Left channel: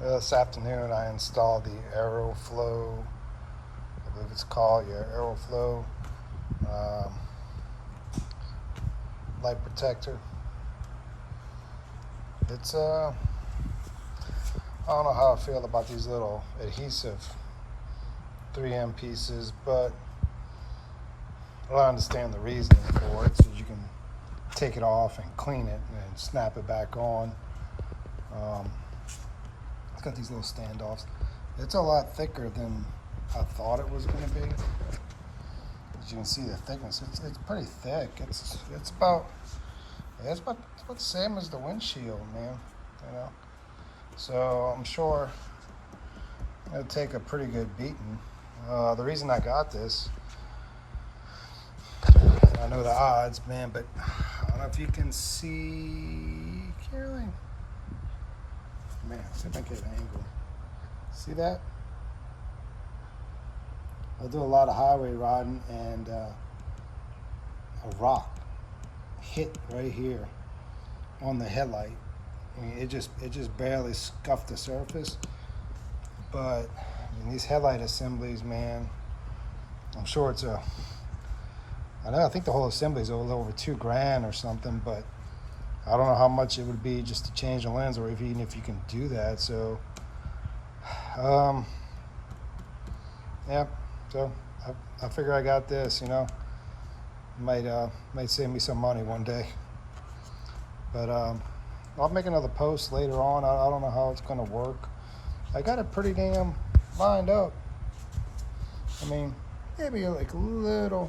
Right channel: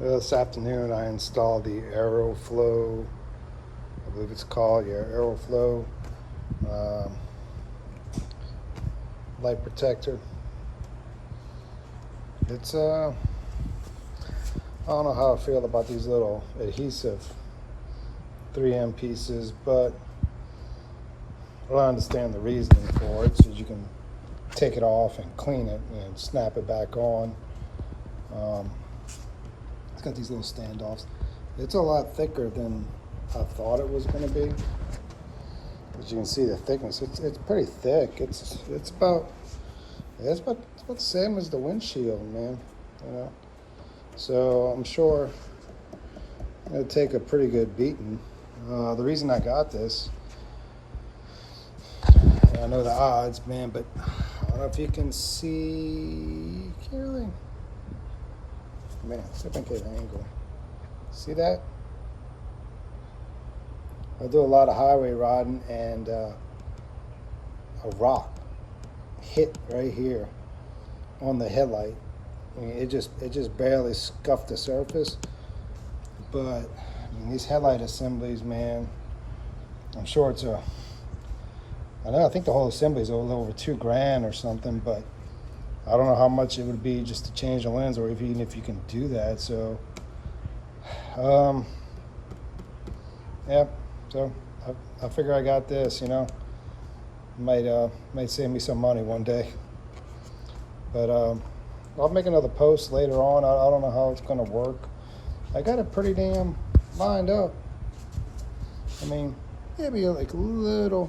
This afternoon I installed the Aeroflow, I believe it's called, yeah, Aeroflow light protector. It's I don't know how I feel about these little adhesive 3M pieces, but I understand the reasoning for it, so you can take it off and clean it and snap it back on. It's got these little standoffs. It's a lot thicker than I thought it was going to be. As you can see, the thickness, it's pretty thick. It's about the same as the windshield, man. You know, so I'm sure it'll take a pretty good beating. The reason I got this, I know the odds, man, but I don't know if you can see. Can't really. Man, see if I can get an angle. See that? I do a lot of highway riding, and a rock hit right here on the headlight. I mean, it just barely scuffed the surface. But I mean, these headlight assemblies, man, I'm sure it's I think the whole assembly is a little over $2,000 or something, but I don't know how much it would be just to change the lens, or even if you can do that. So, yeah. So I figure I got this. You know, might save me some money one day. But I'll make another post later on. I don't know how it's gonna work. I got it pretty damn lined up. I mean, maybe like a little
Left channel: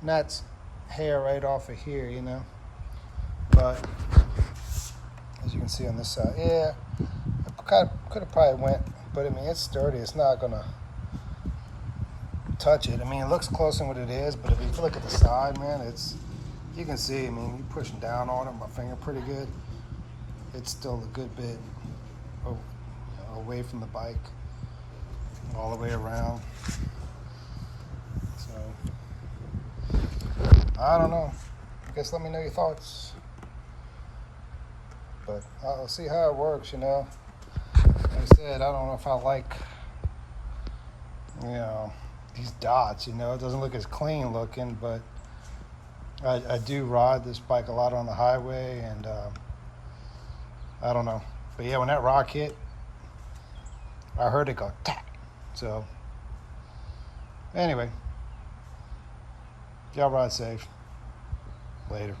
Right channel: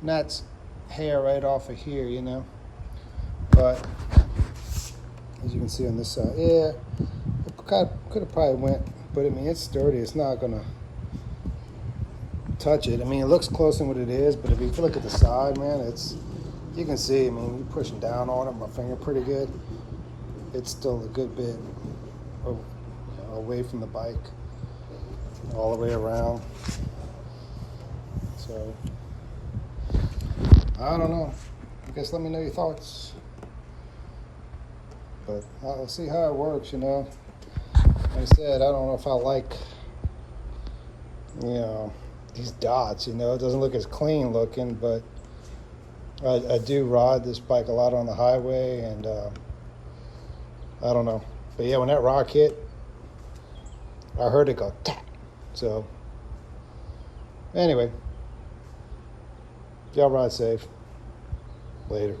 nuts hair right off of here, you know. But as you can see on this side, yeah, it could have probably went, but I mean, it's sturdy. It's not gonna touch it. I mean, it looks closer than what it is, but if you look at the side, man, you can see. I mean, when you're pushing down on it, my finger pretty good. It's still a good bit away from the bike, all the way around. So I don't know. I guess let me know your thoughts. But I'll see how it works, you know. Like I said, I don't know if I like, you know, these dots, you know. It doesn't look as clean looking, but I do ride this bike a lot on the highway, and I don't know. But yeah, when that rock hit, I heard it go tap. So anyway, y'all ride safe. Later.